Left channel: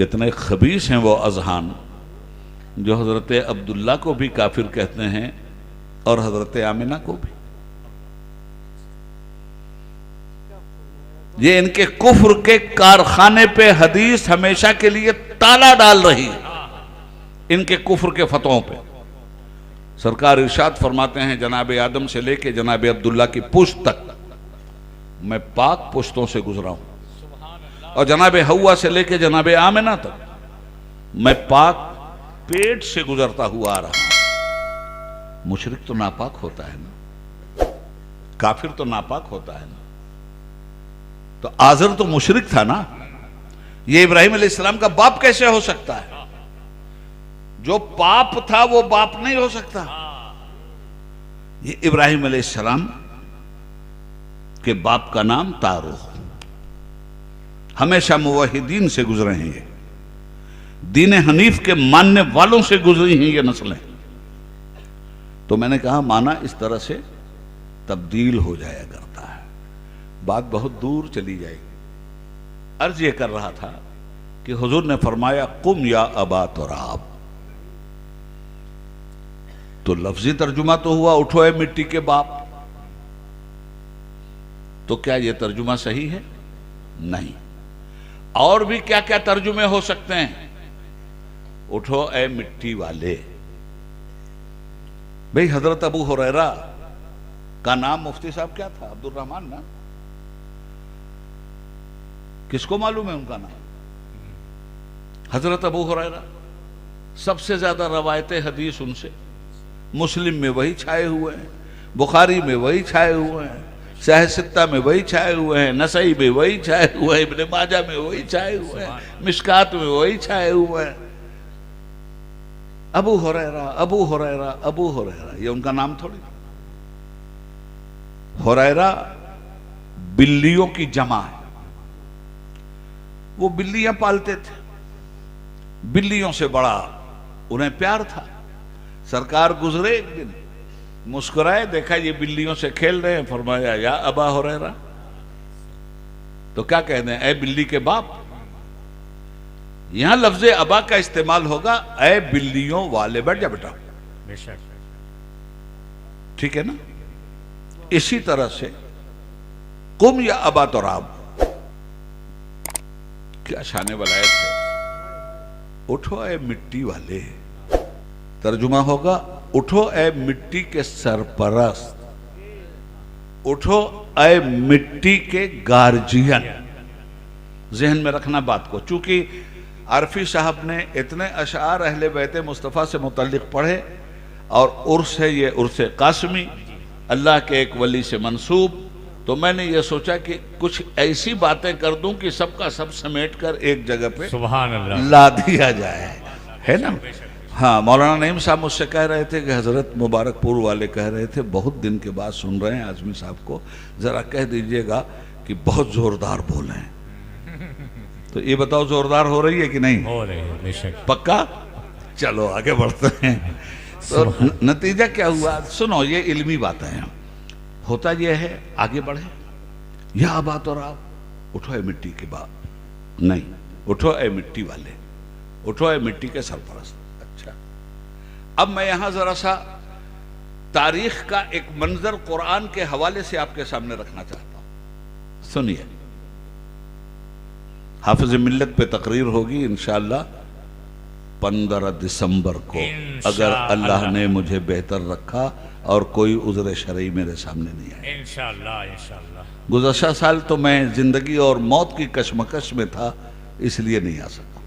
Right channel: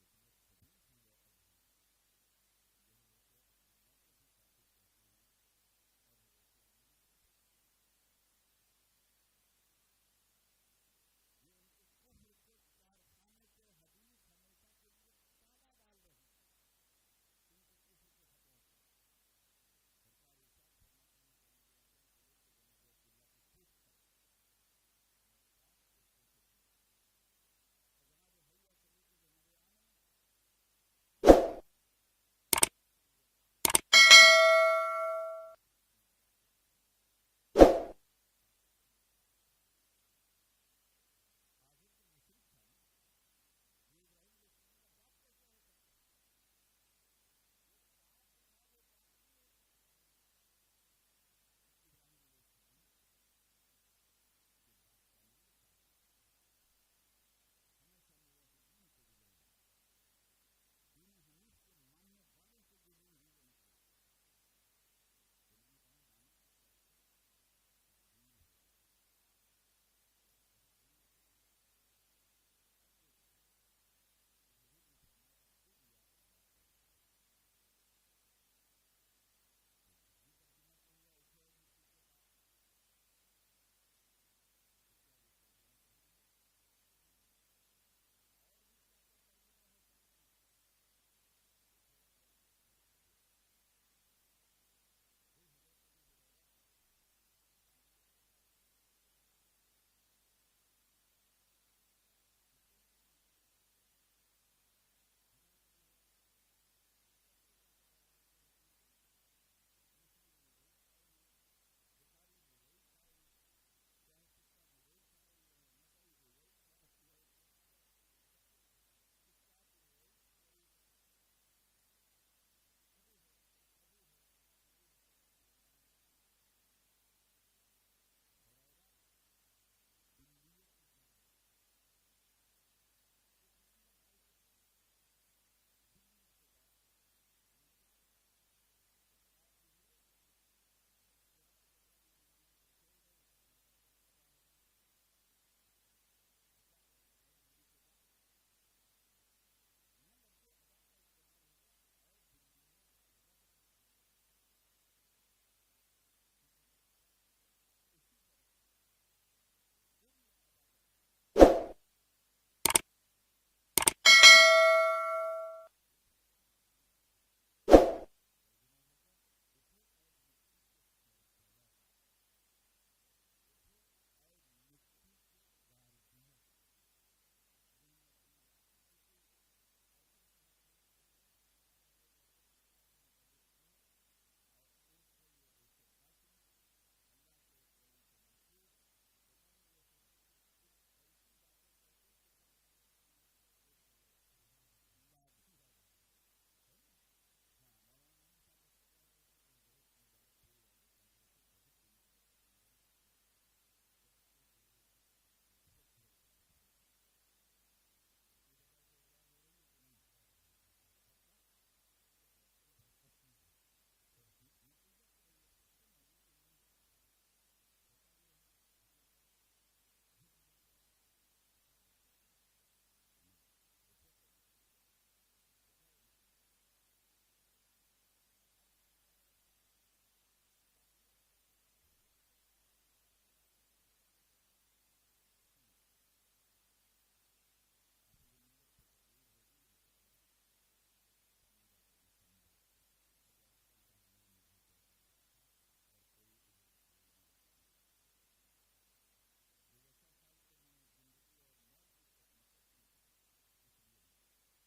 कितने खबीस हैं वो अजहान जो हजरत अब्दुल्ला को भी काफिर कहते हैं और हजरत आमिना को भी। ये इनके कुफ्र के कारखाने पे हदीस हमेशा के लिए ताला डाल रही है, इनके कुफ्र के फतवों पे। सरकार इरशाद फरमाते हैं जनाब आदम से लेके जनाब अब्दुल्ला की पुश्त तक मैं पाक पुश्तों से गुजरा हूं, और जनाब हव्वा से लेके जनाब आमिना तक मैं पाक पेट से गुजरता हुआ आ रहा। मुशरिक तो नापाक होता है ना, काफिर तो नापाक होता है ना। तो आजर तो मुशरिक था ना, ये इब्राहिम अलैहिस्सलाम का बाप कैसे हो सकता है? जो पाप था वो बाप नहीं हो सकता। ये इब्राहिम अलैहिस्सलाम के बाप का नाम तारुख, हमेशा मुवहिदीन से गुजरे हैं, ये दीन हनीफ के मानने वालों से गुजरी हैं ये नस्लें। तो मैंने कहा माना इस तरह से तब्दील हो जाया करता है, बात बहुत दूर चली जाएगी। अर्ज ये कर रहा था कि हुजूर ने फरमाया कुम या अबा तुराब, तो लफ्जी तर्जुमा तो हुआ उठो ए मिट्टी के बाप। तो क्या यह तर्जुमा सही है? नहीं। और भी क्या क्या तर्जुमे हो सकते हैं? उठो ए मिट्टी वाले। भाई हजरत अबू हुरैरा का नाम मुफ्ती साहब क्या था? अब्दुल रहमान ना? किसको मालूम है उनका नाम? हजरत अबू हुरैरा, सबसे ज्यादा रवायत हदीस उनसे, मुस्लिम में वही छाए हुए हैं, बुखारी में वही छाए हुए हैं, शाह सित्ता में वही छाए हुए हैं, नसई में वही छाए हुए हैं, इब्ने माजा में वही छाए हुए हैं, मिशकात में वही छाए हुए हैं। अबू हुरैरा अबू हुरैरा अबू हुरैरा, ये उनका नाम थोड़ी। हुरैरा बिल्लियों की जमा है, वो बिल्लियां पालते थे, बिल्लियों से बड़ा उन्हें प्यार था। सरकार गुजरे एक दिन, मुस्कुराए, देखा ये बिल्लियों से खेल रहे हैं, फरमाया या अबा हुरैरा। तो क्या कह दें, ए बिल्ली के बाप। यहां लफ्ज़े अबा का इस्तेमाल होगा, ए बिल्लियों वाले, बैठ जा बेटा, ठीक है ना। इसी तरह से कुम या अबा तुराब, क्या शाने वाला है। उठो ए मिट्टी वाले, तर्जुमा होगा उठो ए मिट्टी के सरपरस्त, उठो ए मिट्टी के गार्जियन। जहन में रखना बात को, चूंकि आरफी साहब ने इतने अशार अहले बैते मुस्तफ़ा से मुतल्लिक पढ़े, और उर्स है ये उर्स कासमी, अल्लाह के एक वली से मंसूब, तो मैंने ये सोचा कि कुछ ऐसी बातें कर दूं कि सबका सब समेट कर एक जगह पे सुभान अल्लाह ला दिया जाए, है ना। हाँ, मौलाना नईम साहब मुझसे कह रहे थे कि हजरत मुबारकपुर वाले कह रहे थे, बहुत दिन के बाद सुन रहे हैं आजमी साहब को, जरा कह दीजिएगा कि बहुत जोरदार बोले हैं। तो ये बताओ जोरदार हो रही है कि नहीं? हो रही है, बेशक। पक्का? चलो आगे बढ़ते हैं। तो नतीजा क्या हुआ सुनो, ये इल्मी बातें हैं। होता यह है, आगे बढ़े, यह बात और आप उठो ए मिट्टी के बाप, नहीं, उठो ए मिट्टी वाले, उठो ए मिट्टी के सरपरस्त। अच्छा, अब मैं यहां जरा सा तारीख का एक मंजर कुरान के हवाले से आपके सामने रखना चाहता हूं। सुनिए, हाफिज मिल्लत पे तकरीर होगी इंशाअल्लाह 15 दिसंबर को, अगर अल्लाह ने मुझे बेहतर रखा और कोई उज़्र शरई मेरे सामने नहीं आया, इंशाअल्लाह इंशाअल्लाह। गुज़श्ता साल तो मैं जिंदगी और मौत की कशमकश में था, इसलिए नहीं आ सका।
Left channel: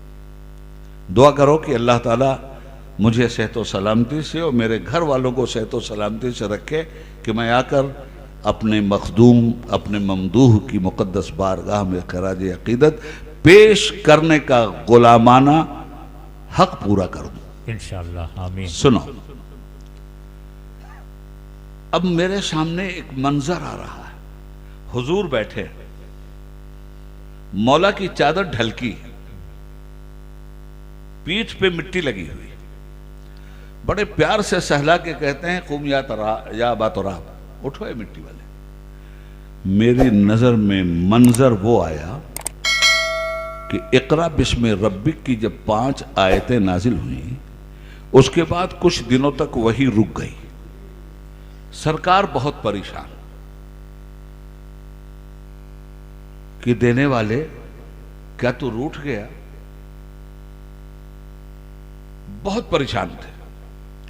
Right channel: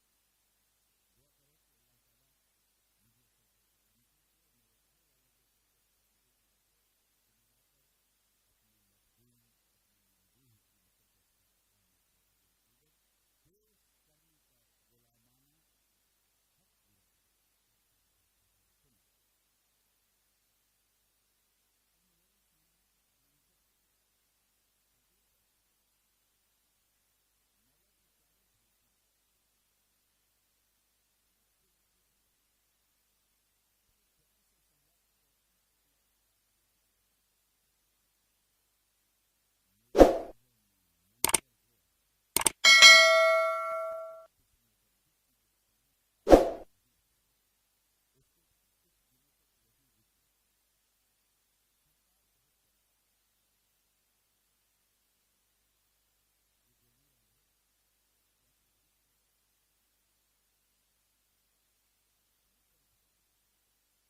दुआ करो कि अल्लाह ताला मुझे सेहत व सलामती से और मेरे घर वालों को सेहत व सलामती से रखे कि मैं आकर अपने मखदूम, अपने ममदूह की मुक़द्दस बारगाह में खराज अक़ीदत पेश करने का गुलामाना हक पूरा कर दूं इंशाअल्लाह, आमीन। सुनो, अब मेरे सामने एक मंजर आ रहा है, हुजूर बैठे, मौला की चादर ढलकी, पीठ पे मिट्टी लगी हुई, बड़े प्यार से सहला के कहते हैं कुम या अबा तुराब, उठो ए मिट्टी वाले। मेरी नजर में मंजर वो आया कि इकरा बिस्मि रब्बिक की जब 5 आयतें नाजिल हुई, उसके बाद कुछ दिनों तक वही रुक गई। सरकार बहुत परेशान कि देने वाले क्या तू रूठ गया, बहुत परेशान थे।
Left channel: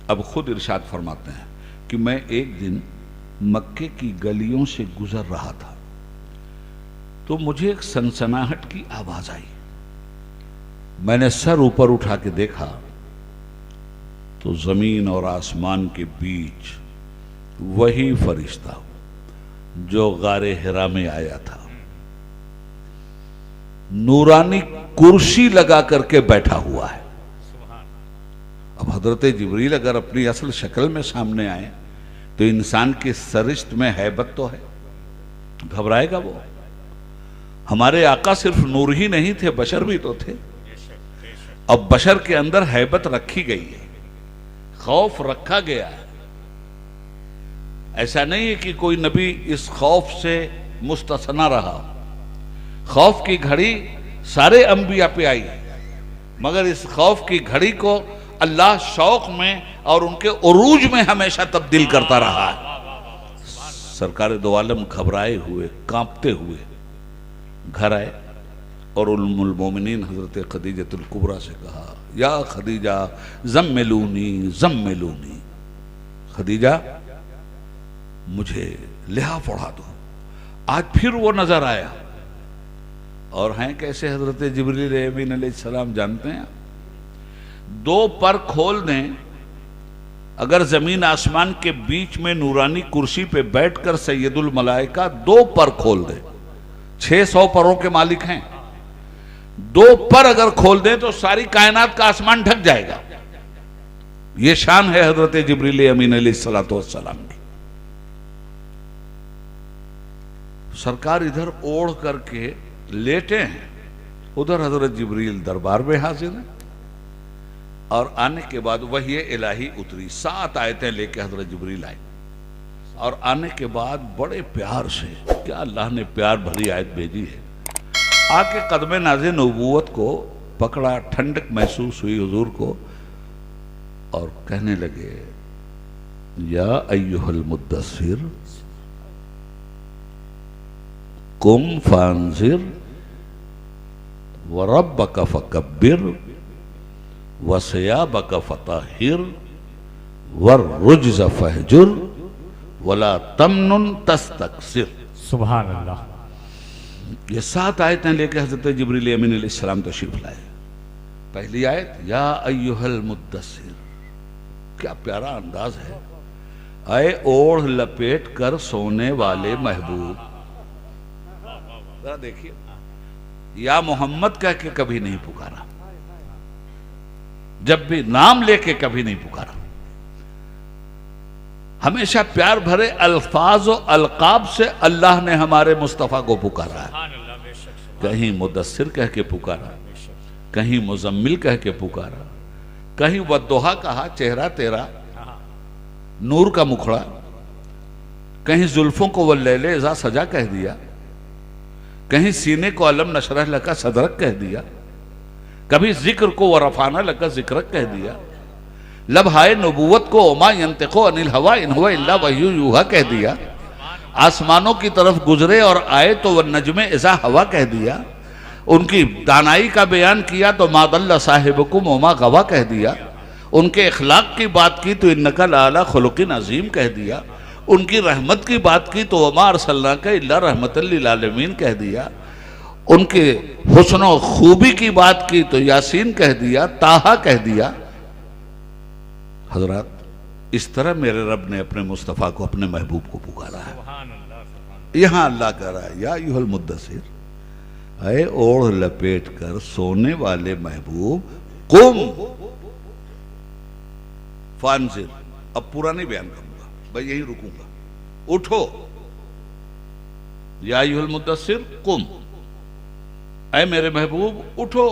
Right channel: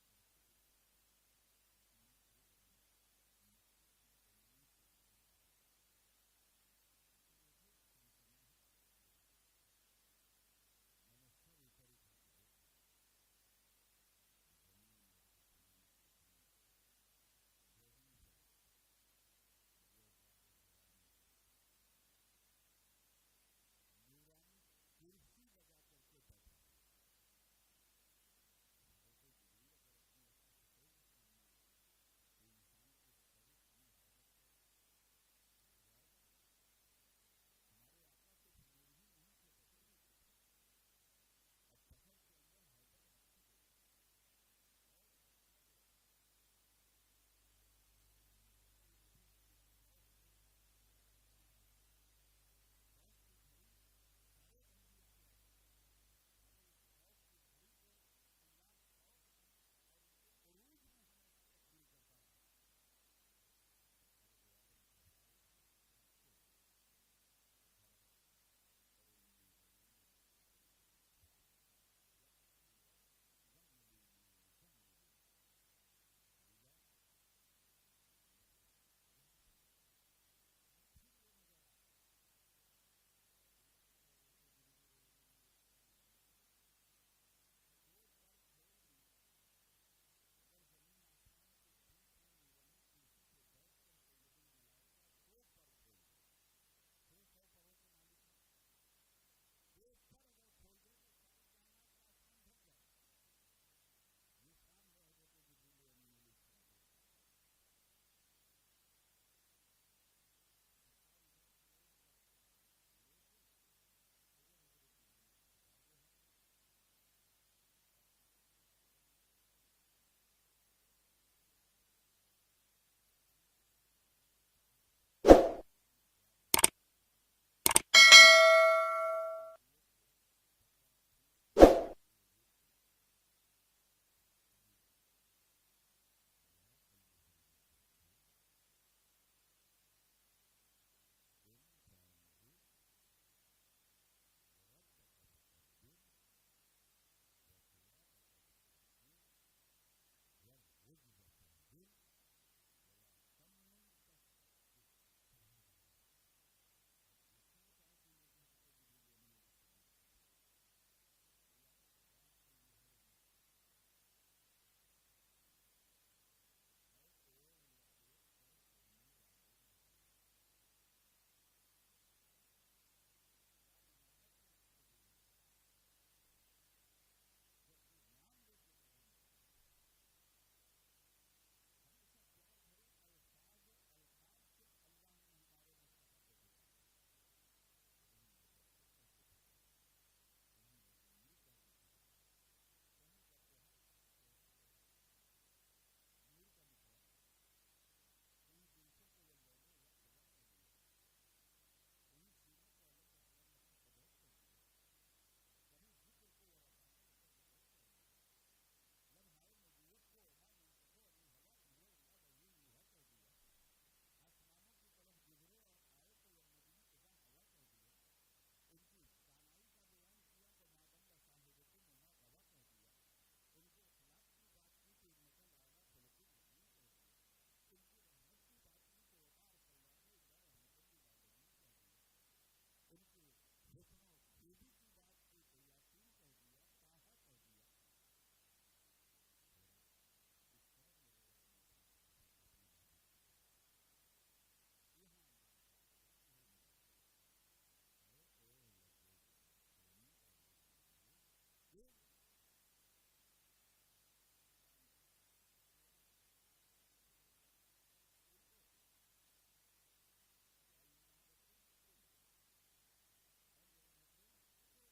अब खुद इरशाद फरमाते हैं कि मैं एक दिन मक्के की गलियों से गुजर रहा था तो मुझे एक सनसनाहट की आवाज आई। मैंने सर ऊपर उठा के देखा तो जमीन और आसमान के बीच वही फरिश्ता जो गारे हिरा में आया था, नूरानी कुर्सी लगा करके बैठा हुआ है। अब हजरत जिब्रील अगर अपनी असल शक्ल में सामने आए तो इंसान की सरिश्त में हैबत तो है, घबराएगा वो। हमारे आका सिर्फ नूर ही नहीं थे, बशर भी तो थे। अब बशर के अंदर हैबत रखी गई है, खौफ रखा गया है। ऐसा नहीं है कि कोई नबी इस खौफ से मुस्तस्ना रहा। खौफ की घड़ी सारे अंबिया पे आई, मगर इस खौफ की घड़ी को अल्लाह शौक में और उनके उरूज में हमेशा तब्दील करता रहा है। सरकार दो आलम घबराए हुए, कांपते हुए घर आए और उम्मुल मोमिनीन हजरत खदीजतुल कुबरा से कहा, या खदीजा ज़म्मिलूनी ज़म्मिलूनी, खदीजा मुझे लिहाफ ओढ़ा दो। आज फिर वो नजर आया। और हैं कैसे हजरत जिब्रील अमीन अलैहिस्सलाम जानते हैं? 2 पर खोल दें, अगर जमीन आसमान के बीच में नूरानी कुर्सी पे बैठकर सैयदुल मलाइका 2 पर खोल दे, 600 परों के मालिक हैं, 2 पर अगर खोल दें तो सारी कायनात का आसमान ढक जाएगा। ये शान है हजरत जिब्रील अमीन अलैहिस्सलातु वस्सलाम की। सरकार इधर ओढ़ करके लेटे हैं, उधर हजरत जिब्रील दरबार में हाजिर है। और आने के बाद वही इलाही उतरी, 7 आयतें लेके हजरत जिब्रील आए। और आने के बाद बड़े प्यार से, क्या अल्लाह ने प्यार भरी आयत भेजी है, आके कदमे नाज़े नबूवत को पकड़ा, ठंडक महसूस हुई हुजूर को, और कहने लगे, या अय्युहल मुद्दस्सिर कुम फांजिर व रब्बक फकब्बिर व सियाबक फताहिर व रुज्ज़ फहजुर वला तमनुन तस्तक्सिर। सुभान अल्लाह। ये 7 आयतें लेकर हजरत जिब्रील अमीन अलैहिस्सलाम तशरीफ लाए। पहली आयत, या अय्युहल मुद्दस्सिर, क्या प्यारा अंदाज है। आए ओढ़ लपेट कर सोने वाले महबूब। जरा देखिए, या मोहम्मद कह के कभी नहीं पुकारा, जब भी नाम लेके कभी नहीं पुकारा। हमेशा प्यार भरे अल्फाज और अलकाब से अल्लाह ने हमारे मुस्तफ़ा को पुकारा है। कहीं मुदस्सिर कह के पुकारा, कहीं मुजम्मिल कह के पुकारा, कहीं वद्दुहा कहा, चेहरा तेरा नूर का मुखड़ा, कहीं जुल्फों को वल्लैले इज़ा सजा कह दिया, कहीं सीने को अलम नशरह लका सदरक कह दिया, कभी जिक्र को वरफाना लका जिक्रक कह दिया, लबहाए नबूवत को ओमा यंतिको अनिल हवा इन हुवा इल्ला वह्यु यूहा कह दिया, आसमानों की तरफ गुजरे और आए तो वह नजमे इज़ा हवा कह दिया, उनकी दानाई का बयान किया तो मादल्ला साहिबकुम ओमा गवा कह दिया, उनके इखलाक की बात की तो इन्नका लाला खुलुकिन अजीम कह दिया, उनकी रहमत की बात की तो वमा अरसलनाका इल्ला रहमतल लिल आलमीन कह दिया, उनके हुस्न और खूबी की बात की तो यासीन कह दिया, ताहा कह दिया। हजरत, इस तरह मेरे रब ने अपने मुस्तफ़ा को, अपने महबूब को पुकारा है। यहां अल्लाह कह रहा है, या अय्युहल मुद्दस्सिर, अए ओढ़ लपेट कर सोने वाले महबूब, कुम फांजिर। अब पूरा नहीं बयान करूंगा, भाई यहीं रुकूंगा। उठो, या अय्युहल मुद्दस्सिर कुम, ऐ मेरे महबूब उठो।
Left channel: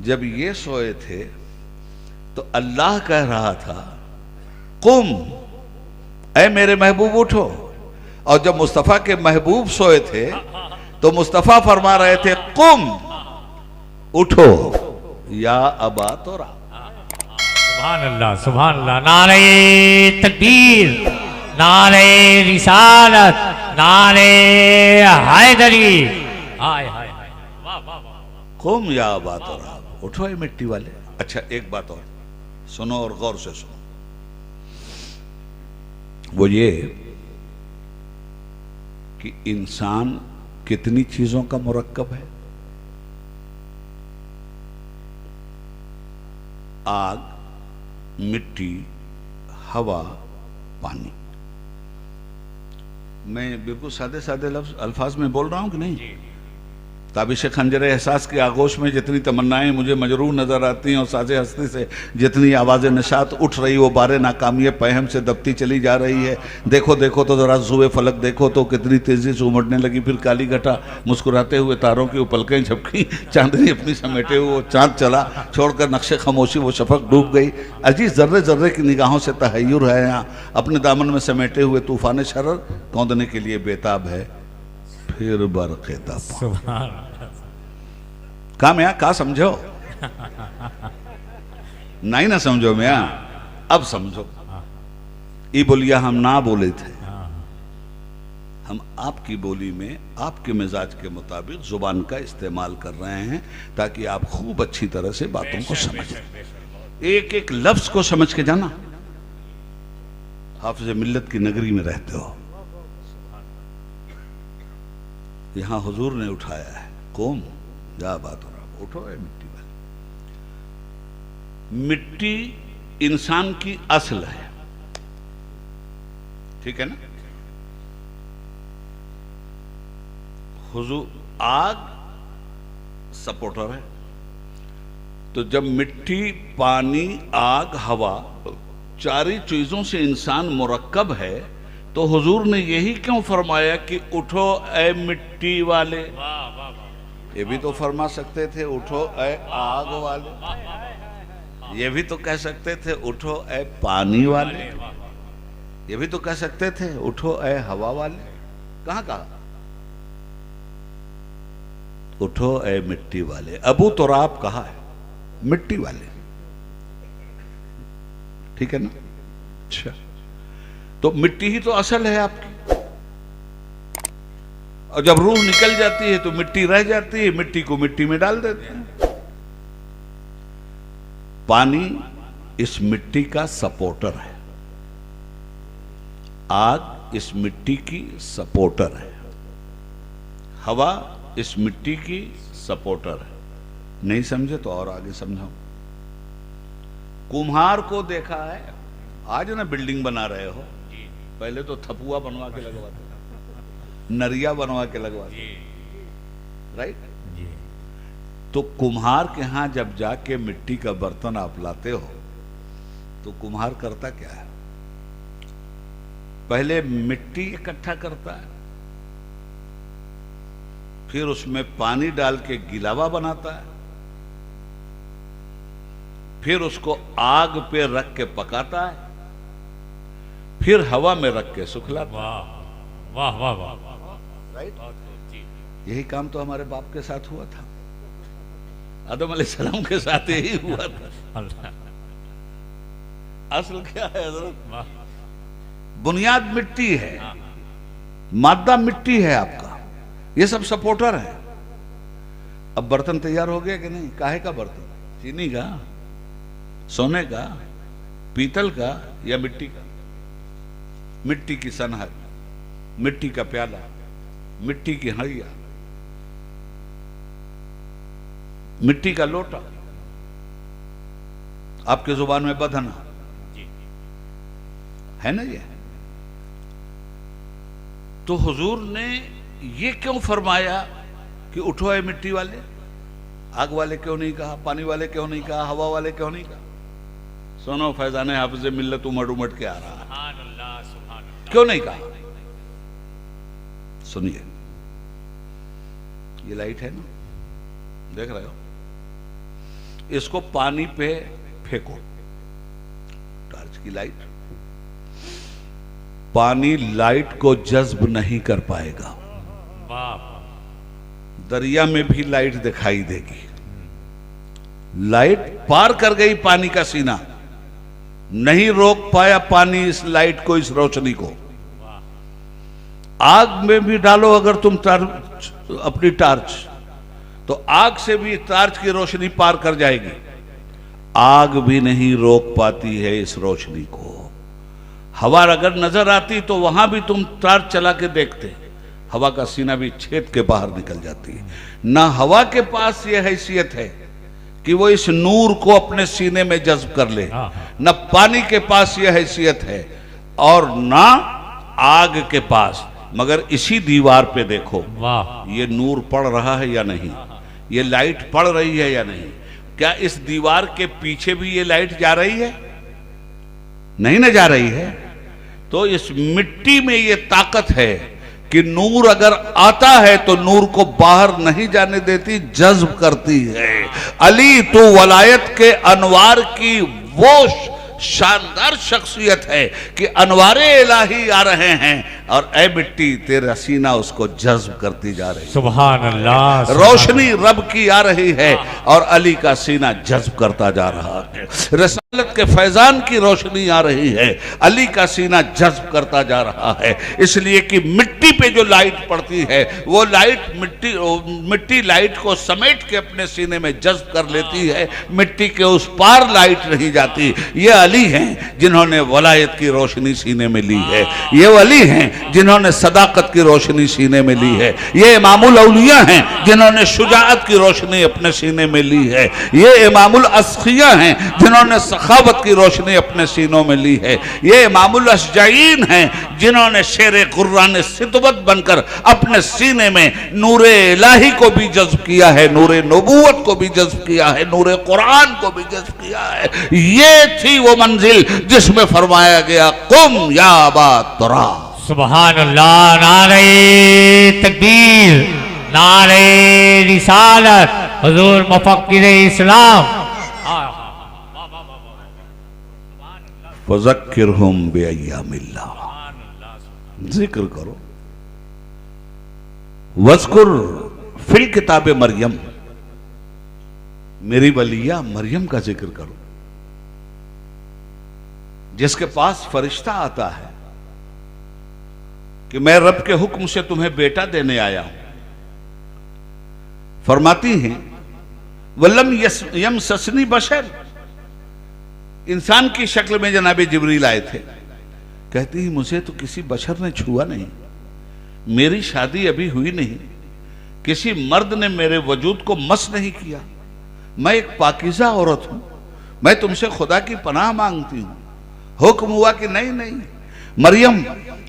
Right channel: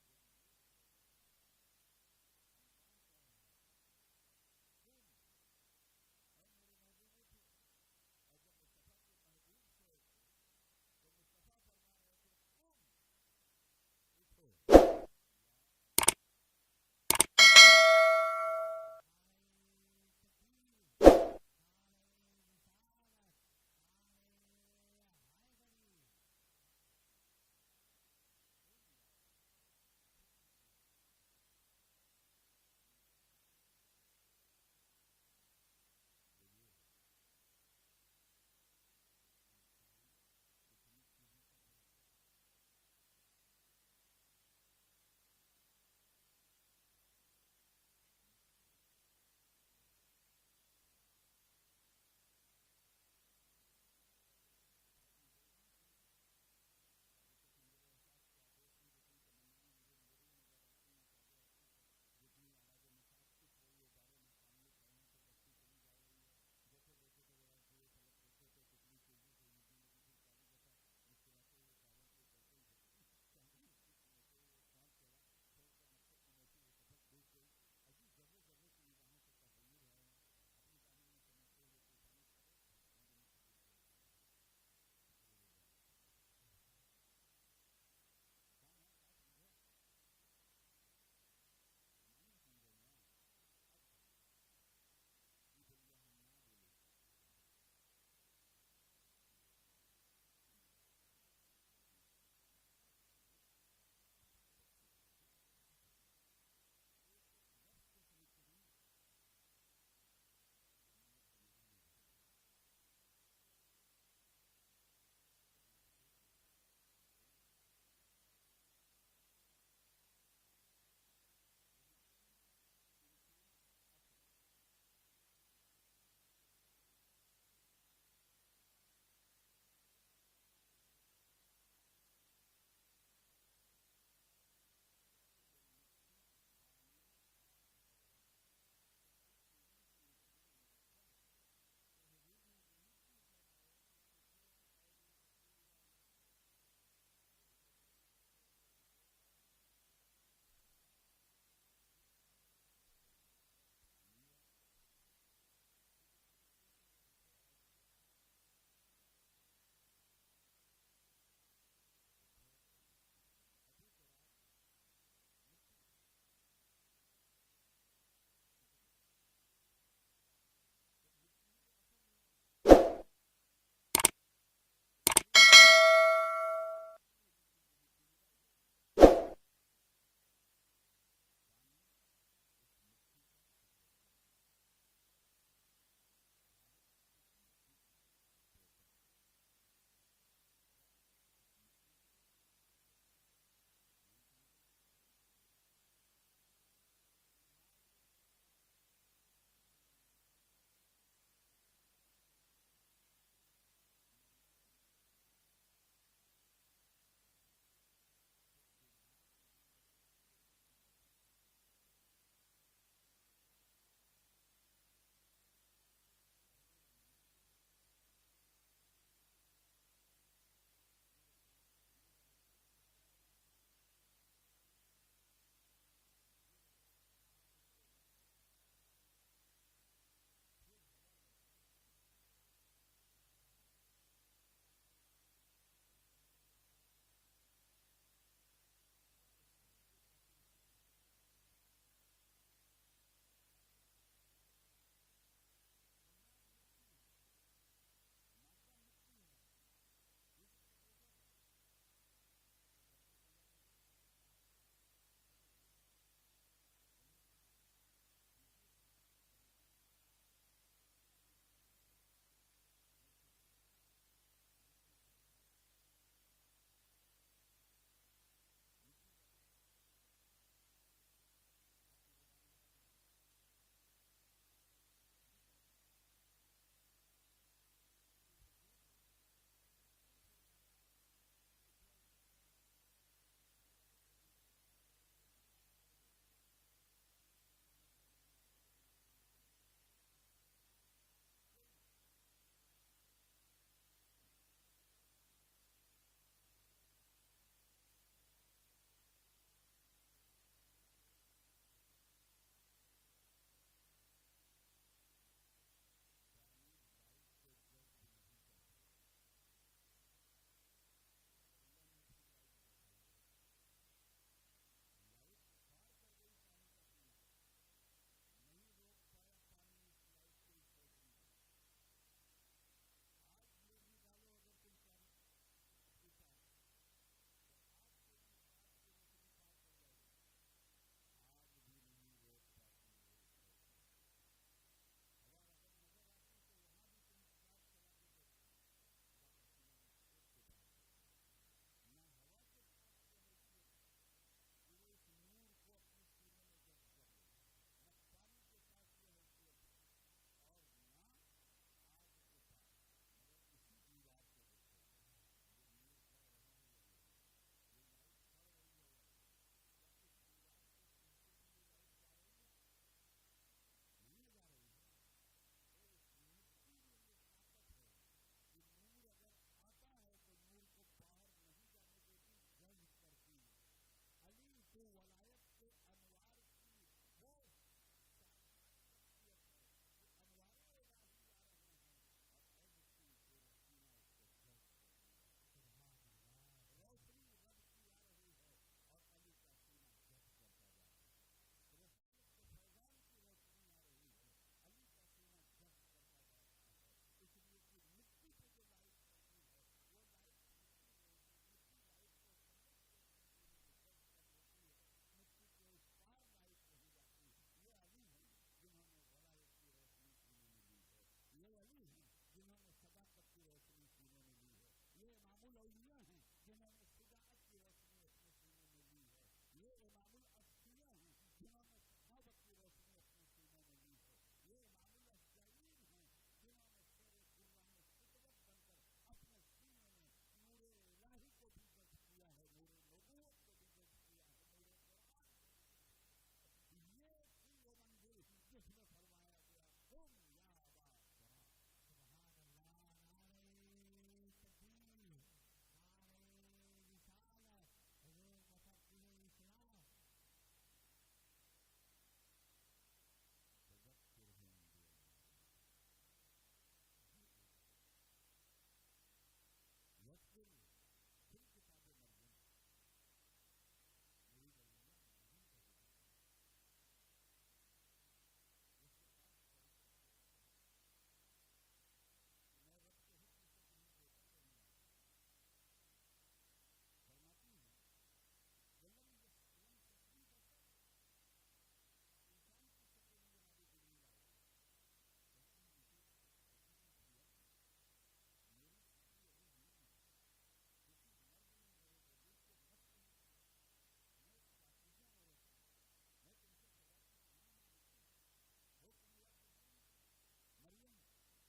जब ये सोए थे तो अल्लाह कह रहा था कुम, ऐ मेरे महबूब उठो। और जब मुस्तफ़ा के महबूब सोए थे तो मुस्तफा फरमा रहे थे कुम, उठो या अबा तोरा। सुभान अल्लाह, सुभान अल्लाह। नारे तकबीर, नारे रिसालत, नारे हैदरी। हाय हाय हाय, वाह वाह वाह। कुम या अबा तोरा, उठो ये मिट्टी वाले। अच्छा एक बात और सुनो और गौर से सुनो, वो ये कि इंसान कितनी चीजों का मुरक्कब है। आग, मिट्टी, हवा, पानी। मैं बिल्कुल सादे सादे अल्फाज में बोल रहा हूं कि नहीं? ताबिश खंजर एहसास की आगोश में जितनी तमन्नाएं मुझे मजरूर नजर आती हैं और साजे हस्ती से जितनी आवाज़ निशात उठ रही, वो बारे नाकामी पहम से दबती चली जा रही है। देखो देखो तो जरा जुए फलक देखो तो कितनी तेजी से उमड़ने लगी, फिर काली घटा मुस्कुराते हुए तारों की उपलकें झपकी, चांदनी अपनी समेटे हुए वो चांद चला, छोड़कर नक्शे खामोशी वो शफक डूब गई। अजीज जर्रे जर्रे की निगाहों से तहय्युर है यहाँ, अपने दामन में समेटे हुए तूफान शरर कौंदने के लिए बेताब है। फिर बरक़े सुभान का मैं का समझो नहीं ना समझो मैं अब समझो। ये बोलिया हम ना बोले थे, हम आपकी बोली में आपके मिजाज के मुताबिक जुबान का इस्तेमाल कर रहे हैं ताकि आप खूब अच्छी तरह से बातों को समझें, एक एक लफ्ज को समझ के जाना। हाफिज मिल्लत की नगरी में रहते हो, यहां हुजूर ने उठाया है कौम जा बात हो रहा, उठो है मिट्टी वाली। मिट्टी इंसान की असल है, ठीक है ना? हुजूर आग सपोर्टर है, तो जब मिट्टी, पानी, आग, हवा चारी चीजों से इंसान मुरक्कब है, तो हुजूर ने यही क्यों फरमाया कि उठो ए मिट्टी वाले? ये भी तो फरमा सकते थे उठो ए आग वाले, ये भी तो कह सकते थे उठो ए पानी वाले, ये भी तो कह सकते थे उठो ए हवा वाले। कहां कहा? उठो ए मिट्टी वाले। अबू तुराब कहा है मिट्टी वाले, ठीक है ना? अच्छा, तो मिट्टी ही तो असल है आपकी, और जब रूह निकल जाती है तो मिट्टी रह जाती है, मिट्टी को मिट्टी में डाल देते हैं। पानी इस मिट्टी का सपोर्टर है, आग इस मिट्टी की सपोर्टर है, हवा इस मिट्टी की सपोर्टर है। नहीं समझे तो और आगे समझाओ। कुम्हार को देखा है, आज ना बिल्डिंग बना रहे हो, पहले तो थपुआ बनवा के लगवाते, नरिया बनवा के लगवाते, राइट? तो कुम्हार के यहां जब जाके मिट्टी का बर्तन आप लाते हो तो कुम्हार करता क्या है? पहले मिट्टी इकट्ठा करता है, फिर उसमें पानी डाल के गिलावा बनाता है, फिर उसको आग पे रख के पकाता है, फिर हवा में रख के सुखलाता है। वाह वाह वाह वाह, राइट? यही काम तो हमारे बाप के साथ हुआ था, आदम अलैहिस्सलाम के साथ यही हुआ था। असल क्या है हज़रत? बुनियाद मिट्टी है, मादा मिट्टी है आपका, ये सब सपोर्टर है। अब बर्तन तैयार हो गया कि नहीं? काहे का बर्तन? चीनी का, सोने का, पीतल का या मिट्टी का? मिट्टी की सनहत, मिट्टी का प्याला, मिट्टी की हड़िया, मिट्टी का लोटा, आपके जुबान में बधना है ना ये? तो हुजूर ने ये क्यों फरमाया कि उठो है मिट्टी वाले? आग वाले क्यों नहीं कहा? पानी वाले क्यों नहीं कहा? हवा वाले क्यों नहीं कहा? सुनो, फैजाने हाफिज मिल्लत उमड़ उमड़ के आ रहा है, क्यों नहीं कहा? सुनिए, ये लाइट है ना, देख रहे हो? इसको पानी पे फेंको, टॉर्च की लाइट, पानी लाइट को जज्ब नहीं कर पाएगा। दरिया में भी लाइट दिखाई देगी। लाइट पार कर गई पानी का सीना, नहीं रोक पाया पानी इस लाइट को, इस रोशनी को। आग में भी डालो अगर तुम अपनी टार्च, तो आग से भी टार्च की रोशनी पार कर जाएगी। आग भी नहीं रोक पाती है इस रोशनी को। हवा अगर नजर आती तो वहां भी तुम टार्च चला के देखते, हवा का सीना भी छेद के बाहर निकल जाती है। ना हवा के पास यह हैसियत है कि वो इस नूर को अपने सीने में जज्ब कर ले, न पानी के पास यह हैसियत है और ना आग के पास। मगर इसी दीवार पे देखो, वाह, ये नूर पड़ रहा है या नहीं, ये लाइट पड़ रही है या नहीं। क्या इस दीवार के पीछे भी ये लाइट जा रही है? नहीं ना जा रही है। तो इस मिट्टी में ये ताकत है कि नूर अगर आता है तो नूर को बाहर नहीं जाने देती, जज्ब करती है। अली तो वलायत के अनवार की वो शानदार शख्सियत है कि अनवारे इलाही आ रहे हैं और ए मिट्टी तेरा सीना उसको जज्ब करती जा रही है। सुभान अल्लाह, रोशनी रब की आ रही है और अली का सीना जज्ब करता जा रहा है। रसालत के फैजान की रोशनी आ रही है, अली का सीना जज्ब करता जा रहा है। इसलिए कि मिट्टी पे जो लाइट पड़ती है वो लाइट मिट्टी लाइट को समेट के अपने सीने में जज्ब कर लेती है। मिट्टी के उस पार लाइट नहीं जाती। ये अली हैं जिन्होंने वलायत की रोशनी सीने में ली है। ये अली हैं जिन्होंने सदाकत की रोशनी सीने में ली है। ये इमामुल औलिया हैं जिन्होंने शुजाअत की रोशनी अपने सीने में ली है। ये इमामुल अस्खिया हैं जिन्होंने सखावत की रोशनी अपने सीनों में ली है। ये इमामुल अशजाईन हैं जिन्होंने शेर कुर्रान सितवत बनकर अपने सीने में नूरे इलाही को भी जज्ब किया है, नूरे नबूवत को भी जज्ब किया है, नूरे कुरान को भी जज्ब किया है। ये थी वो मंजिल जिसमें फरमाया गया कुम या अबा तुरा। सुभान अल्लाह, नारे तकबीर, नारे रिसालत, हुजूर मुफक्किर इस्लाम। फज़क्किरहुम बिअय्यामिल्लाह, जिक्र करो। वज़कुर फिल किताब मरियम, मेरी वलिया मरियम का जिक्र करो जिसके पास फरिश्ता आता है कि मैं रब के हुक्म से तुम्हें बेटा देने आया हूं। फरमाती हैं वल्लम यम ससनी बशर, इंसान की शक्ल में जनाबे जिब्रील आए थे। कहती है मुझे तो किसी बशर ने छुआ नहीं, मेरी शादी अभी हुई नहीं, किसी मर्द ने मेरे वजूद को मस नहीं किया, मैं एक पाकीज़ा औरत हूं, मैं तुमसे खुदा की पनाह मांगती हूं। हुक्म हुआ कि नहीं नहीं मरियम,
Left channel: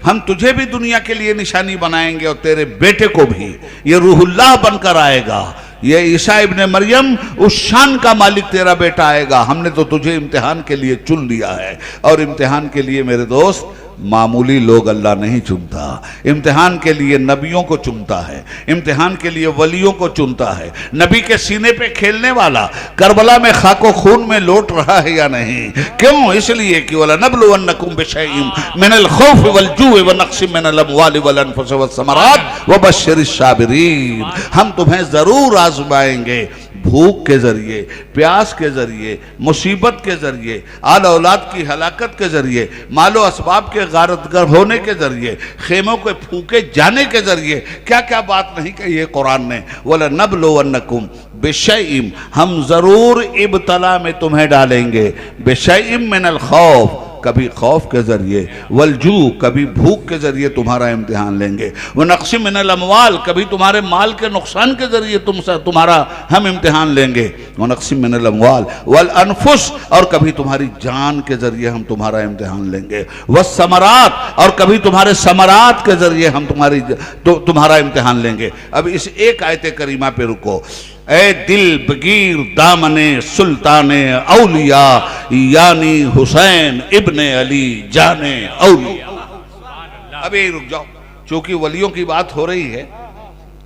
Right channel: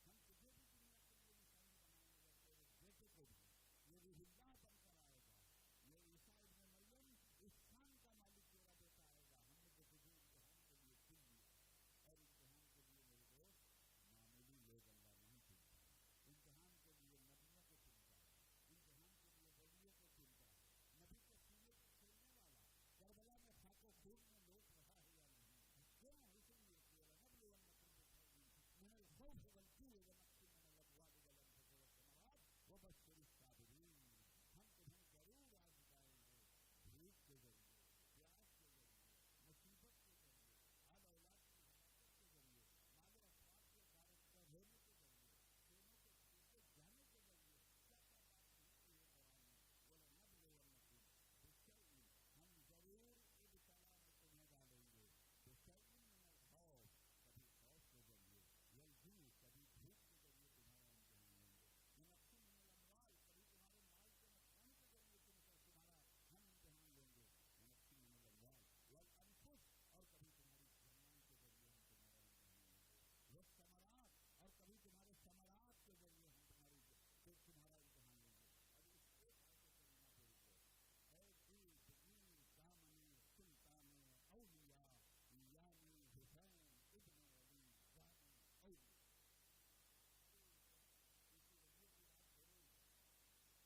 हम तुझे भी दुनिया के लिए निशानी बनाएंगे और तेरे बेटे को भी, ये रूहुल्लाह बनकर आएगा, ये ईसा इब्ने मरियम उस शान का मालिक तेरा बेटा आएगा। हमने तो तुझे इम्तिहान के लिए चुन लिया है, और इम्तिहान के लिए मेरे दोस्त मामूली लोग अल्लाह नहीं चुनता, इम्तिहान के लिए नबियों को चुनता है, इम्तिहान के लिए वलियों को चुनता है। नबी के सीने पे खेलने वाला करबला में खाको खून में लौट रहा है या नहीं? क्यों? इसलिए कि वला नबलुवन्नकुम बिशैइन मिनल खौफ वल जू'i व नक्सिम मिनल अमवालि वल अनफुसि वस समरात व बश्शिरिश साबिरीन, हम तुम्हें जरूर आजमाएंगे भूख के जरिए, प्यास के जरिए, मुसीबत के जरिए, आल औलाद की हलाकत के जरिए, मालो असबाब के गारतगर होने के जरिए, खेमों के फूके जाने के जरिए। क्या क्या बात नहीं कही है कुरान ने। वला नबलुवन्नकुम बिशैइन, हम जरूर इब्तला में तुम्हें डालेंगे, बिशैइन मिनल खौफ, कभी खौफ के जरिए, वलजू, कभी भूख के जरिए तुम्हारा इम्तिहान लेंगे, वह नक्शी मिनल अमवाल, कभी तुम्हारे माल के नुकसान के जरिए तुम्हारा हम इम्तिहान लेंगे, वह नक्शी मिनल अमवाल वल अनफुस, और कभी तुम्हारी जान के जरिए हम तुम्हारा इम्तिहान लेंगे, वह समरात, और कभी तुम्हारे समरात के जरिए हम तुम्हारा इम्तिहान लेंगे। अब इस एक आयत करीमा पे रुको। ए दिल बगीर दामने सुल्ताने औलिया यानी हुसैन इब्ने अली जाने औलिया। अभी रुक जाओ, क्योंकि वलियों की बात हो रही है,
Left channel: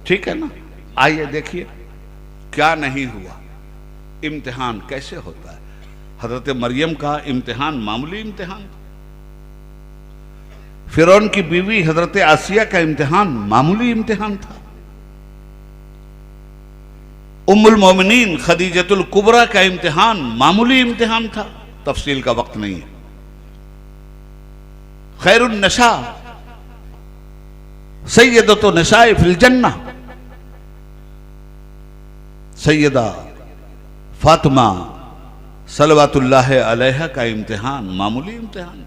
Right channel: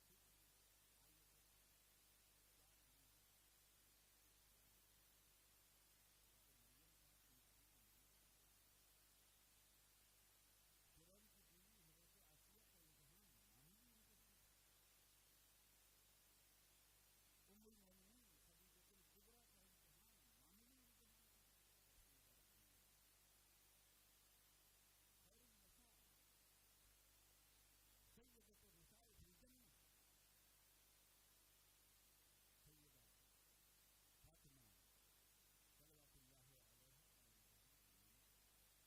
ठीक है ना। आइए देखिए क्या नहीं हुआ, इम्तिहान कैसे होता है। हजरत मरियम का इम्तिहान मामूली इम्तिहान था, फिरौन की बीवी हजरत आसिया का इम्तिहान मामूली इम्तिहान था, उम्मुल मोमिनीन खदीजतुल कुबरा का इम्तिहान मामूली इम्तिहान था, तफसील का वक्त नहीं है। खैरुन नशा सैयदतु निसाए फिल जन्ना, सैयदा फातिमा सलवातुल्लाह अलैहा का इम्तिहान मामूली इम्तिहान।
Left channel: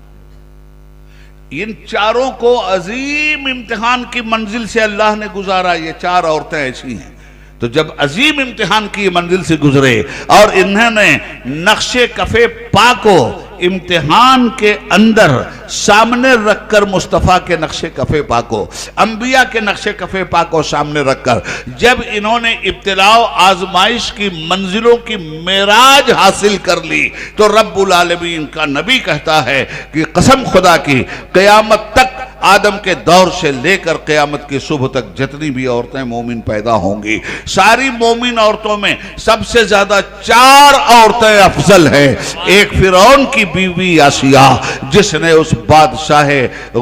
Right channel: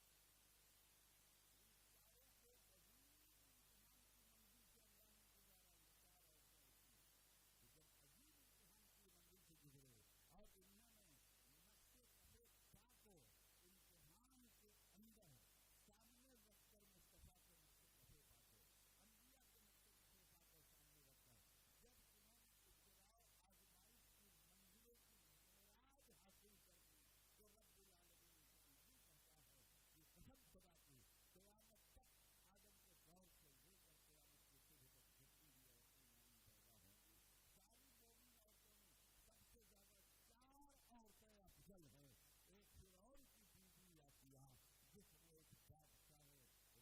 इन चारों को अजीम इम्तिहान की मंजिल से अल्लाह ने गुजारा। ये चार औरतें ऐसी हैं, तो जब अजीम इम्तिहान की मंजिल से गुजरे और इन्होंने नक्शे कफे पा को इम्तिहान के अंदर सामने रखकर, मुस्तफ़ा के नक्शे कफे पा को, अंबिया के नक्शे कफे पा को सामने रखकर जब इन्होंने इब्तिलाओ आजमाइश की मंजिलों की मेराज हासिल कर ली, तो रब्बुल आलमीन का नबी कहता है कि कसम खुदा की, क़यामत तक आदम के दौर से लेकर क़यामत की सुबह तक जितनी भी औरतें मोमिन पैदा होंगी, सारी मोमिन औरतों में सबसे ज्यादा चार औरतें अफजल हैं। एक फिरौन की बीवी आसिया, जिसने उस बादशाह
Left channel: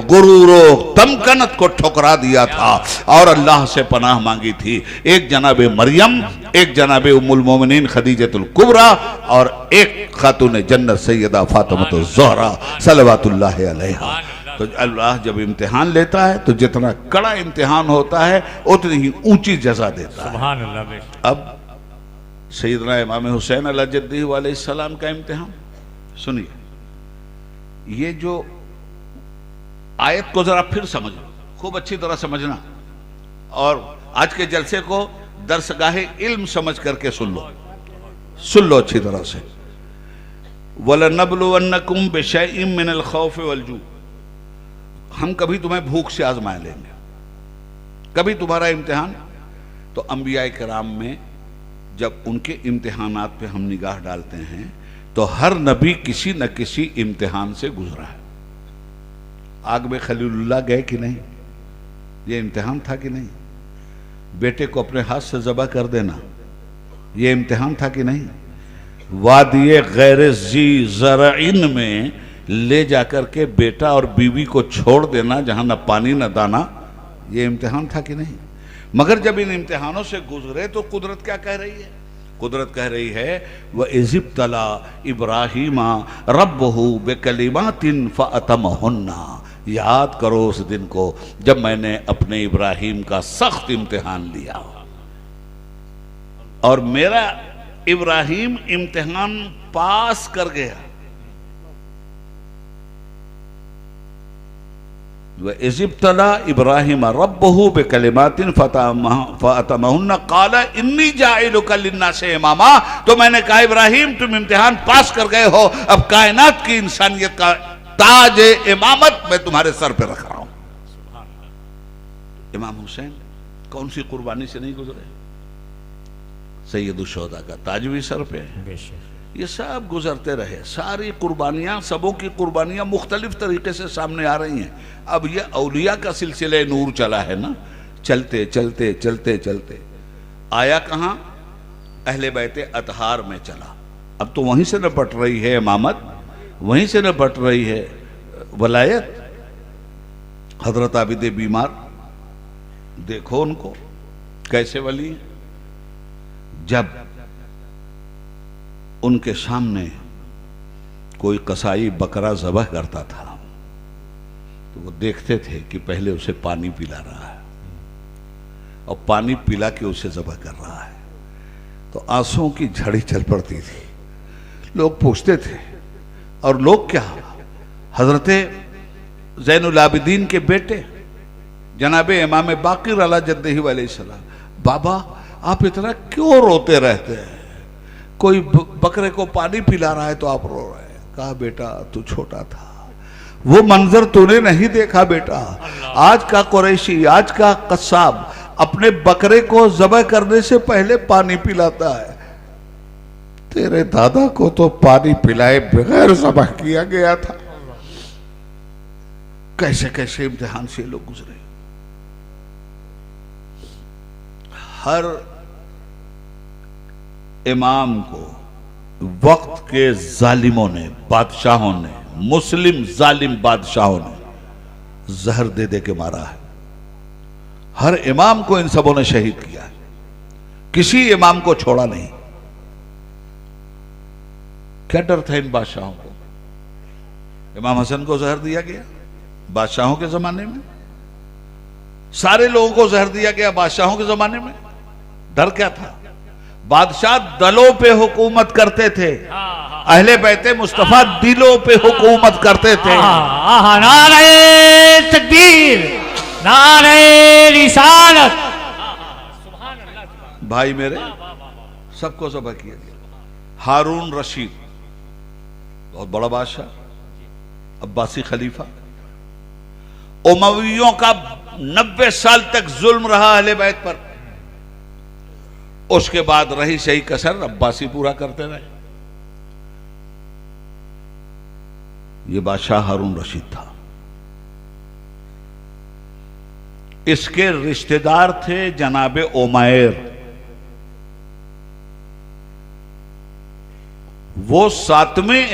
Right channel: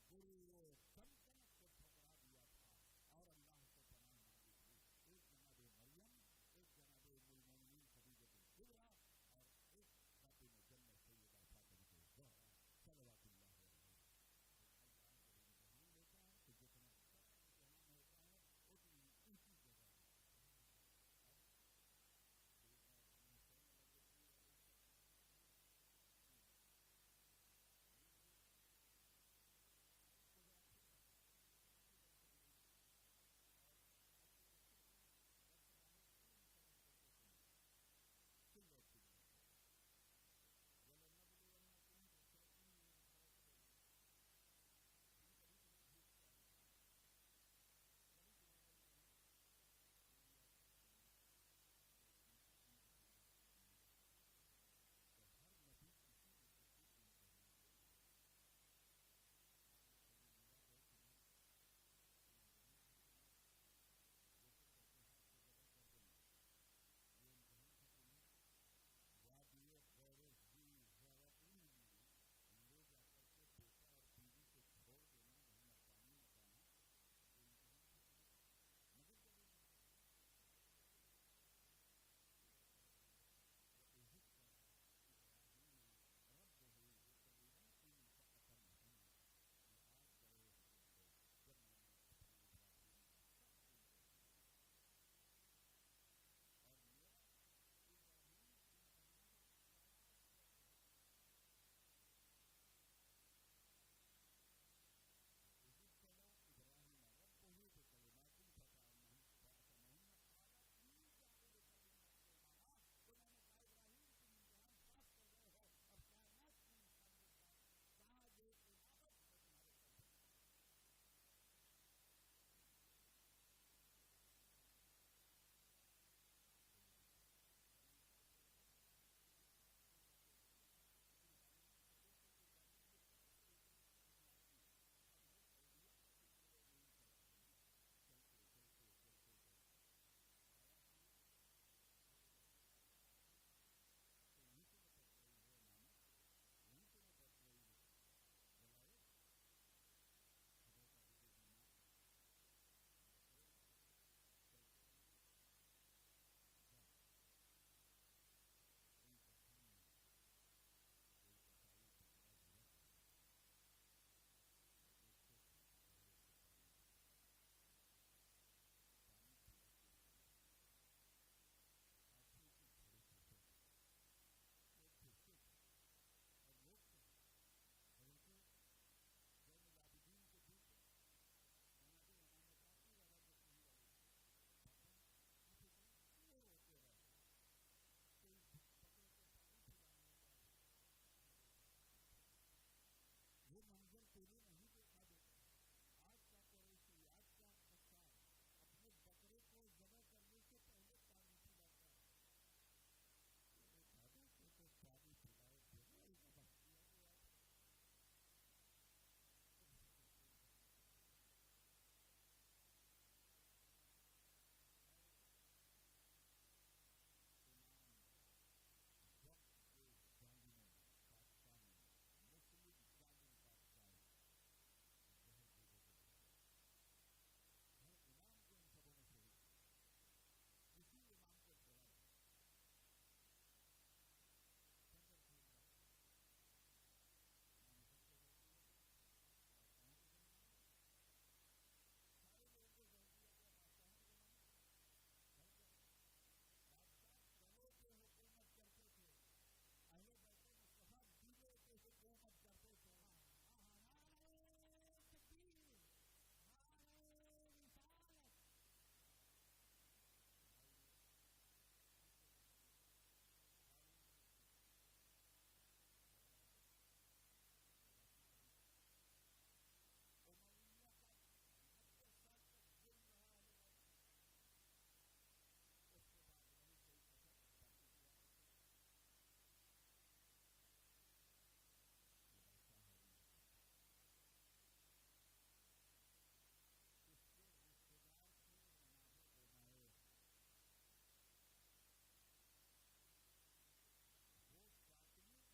गुरूरो तमकनत को ठुकरा दिया था और अल्लाह से पनाह मांगी थी। एक जनाबे मरियम, एक जनाबे उम्मुल मोमिनीन खदीजतुल कुबरा और एक खातून जन्नत सैयदा फातिमा ज़हरा सलवातुल्लाह अलैहा। तो अल्लाह जब इम्तिहान लेता है तो जितना कड़ा इम्तिहान होता है उतनी ही ऊंची जजा देता है। सुभान अल्लाह। अब सैयदना इमाम हुसैन अलैहि अलैहिस्सलाम का इम्तिहान सुनिए। ये जो आयत को जरा फिर समझो, खूब अच्छी तरह समझना, और आज के जलसे को दरसगाहे इल्म समझ करके सुन लो अच्छी तरह से। वलनब्लुवन्नकुम बिशैइन मिनल खौफ वल जू, हम कभी तुम्हें भूख से आजमाए लेंगे, कभी तुम्हारा इम्तिहान। तो अंबिया किराम में जब उनके इम्तिहानात पे हम निगाह डालते हैं तो हर नबी किसी न किसी इम्तिहान से गुजरा है। आग में खलीलुल्लाह गए कि नहीं, ये इम्तिहान था कि नहीं? बेटे को अपने हाथ से ज़बह कर देना, ये इम्तिहान था कि नहीं? वादिये गैर जी ज़रइन में ले जाकर के बेटा और बीवी को छोड़ देना जहां न पानी न दाना, ये इम्तिहान था कि नहीं? मगर जब इन इम्तिहानों से गुजरे तो कुदरत क्या कह रही है? कुदरत कह रही है व इज़िब्तला इब्राहीमा रब्बहु बिकलिमातिन फ़अतमहुन्ना। याद करो उस दिन को जब मैंने अपने इब्राहीम का सख्त इम्तिहान लिया और मेरा इब्राहीम इम्तिहान पास कर गया। इज़िब्तला इब्राहीम रब्बहु बिकलिमातिन फ़अतमहुन्ना क़ाला इन्नी जाइलुका लिन्नासि इमामा। तो मैंने कहा इब्राहीम तुम इम्तिहान पास कर गए हो, अब कायनात की इंसानियत का ताज इमामत मैं तुम्हारे सर पे रख रहा हूं। इमाम हुसैन कौन सी कुर्बानी से नहीं गुजरे? सैयदुश शुहदा का ताज भी सर पे है। ये सब गुजरते रहे, सारी कुर्बानियां, सबों की कुर्बानियां मुख्तलिफ तरीके से सामने आ रही हैं। अब ये औलिया का सिलसिले नूर चला है ना, चलते चलते चलते चलते आया कहाँ? अहले बैते अतहार में चला। अब तो वहीं से निपट रही है इमामत, वहीं से निपट रही है वलायत। हजरत आबिद बीमार देखो उनको कैसे वली हैं। जब उनके सामने कोई कसाई बकरा ज़बह करता था तो वो देखते थे कि पहले उसे पानी पिला रहा है और पानी पिला के उसे ज़बह कर रहा है, तो आंसुओं की झड़ी चल पड़ती थी। लोग पूछते थे, और लोग क्या, हजरते ज़ैनुल आबिदीन के बेटे जनाबे इमाम बाक़िर अला जद्दही अलैहिस्सलाम, बाबा आप इतना क्यों रोते रहते हैं? कोई बकरे को पानी पिला रहा है तो आप रो रहे हैं। कहा बेटा तू छोटा था, वो मंजर तूने नहीं देखा बेटा। आज का कुरैशी, आज का कस्साब अपने बकरे को ज़बह करने से पहले पानी पिलाता है। तेरे दादा को तो पानी पिलाए बगैर ज़बह किया गया था। कैसे कैसे इम्तिहान से लोग गुजरे। हर इमाम को वक्त के जालिमों ने, बादशाहों ने, मुस्लिम जालिम बादशाहों ने जहर दे दे के मारा है। हर इमाम को इन सबों ने शहीद किया है। किसी इमाम को छोड़ा नहीं। क्या डर था इन बादशाहों को? इमाम हसन को जहर दिया गया बादशाहों के जमाने में, सारे लोगों को जहर दिया गया बादशाहों के जमाने में। डर क्या था? बादशाह दलों पे हुकूमत करते थे, अहले बैते मुस्तफा दिलों पे हुकूमत करते थे। नारे तकबीर, नारे रिसालत। भाई मेरे, सबको ज़ब्ह किया गया। हारून रशीद बहुत बड़ा बादशाह, अब्बासी खलीफा, उमवियों का 90 साल तक जुल्म रहा अहले बैत पर। उसके बाद रही सही कसर अब्बासी पूरा करते रहे। ये बादशाह हारून रशीद था। इसके रिश्तेदार थे जनाबे उमैर। वो 7वें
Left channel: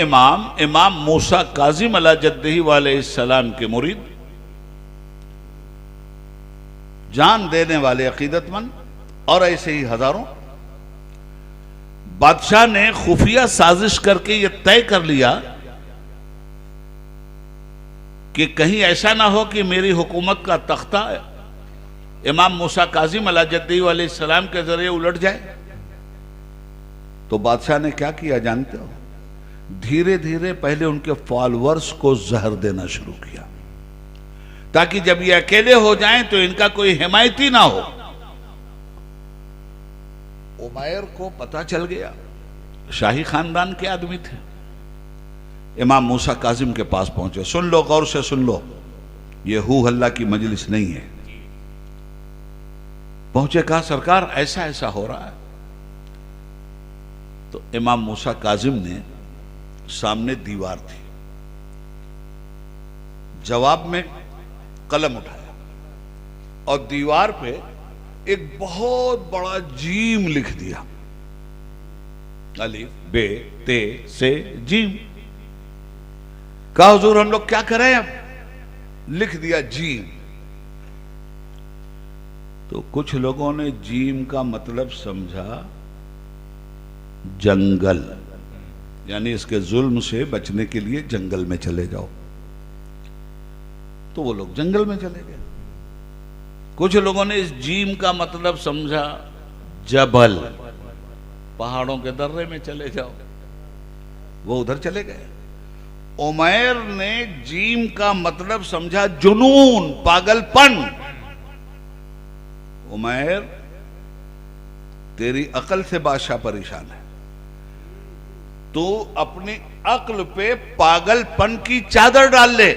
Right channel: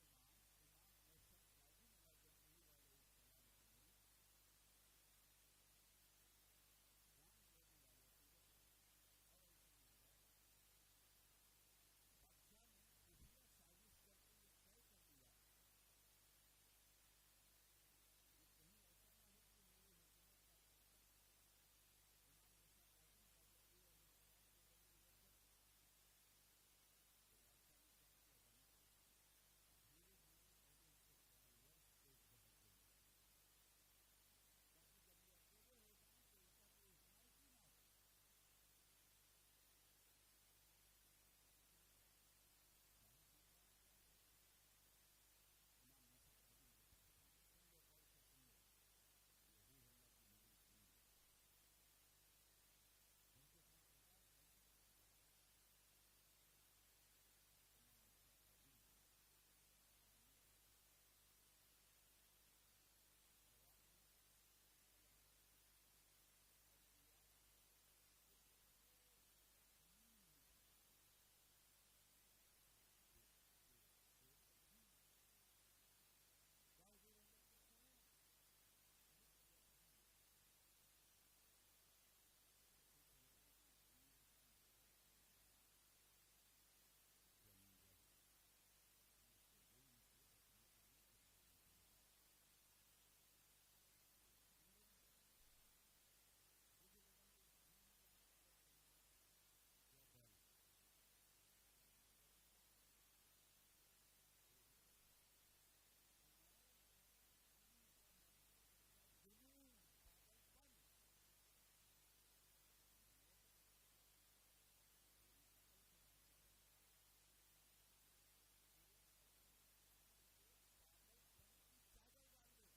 इमाम मूसा काजिम अला जद्दही अलैहिस्सलाम के मुरीद, जान देने वाले अकीदतमंद, और ऐसे ही हजारों। बादशाह ने खुफिया साजिश करके यह तय कर लिया कि कहीं ऐसा ना हो कि मेरी हुकूमत का तख्ता इमाम मूसा काजिम अला जद्दही अलैहिस्सलाम के जरिए उलट जाए। तो बादशाह ने क्या किया जानते हो? धीरे धीरे पहले उनके फॉलोअर्स को जहर देना शुरू किया, ताकि जब ये अकेले हो जाएं तो इनका कोई हिमायती ना हो। उमैर को पता चल गया, शाही खानदान के आदमी थे। इमाम मूसा काजिम के पास पहुंचे। सुन लो, गौर से सुन लो, ये हू हल्ला की मजलिस नहीं है। पहुंचे, कहा सरकार ऐसा ऐसा हो रहा है। तो इमाम मूसा काजिम ने, सामने दीवार थी, जवाब में कलम उठाया और दीवार पे एक बहुत बड़ा जीम लिख दिया। अलिफ बे ते से जीम। कहा हुजूर हम लोग क्या करें? अब लिख दिया जीम। तो कुछ लोगों ने जीम का मतलब समझा जंगल, यानी इसके जुल्म से बचने के लिए जंगल में चले जाओ। तो वो लोग जंगल में चले गए। कुछ लोगों ने इस जीम का मतलब समझा जबल, पहाड़ों के दर्रे में चले जाओ। वो उधर चले गए। उमैर ने जीम का मतलब समझा जुनून, पागलपन। उमैर, तेरी अकल से बादशाह परेशान है, तो अपनी अक्ल पे पागलपन की चादर डाल ले।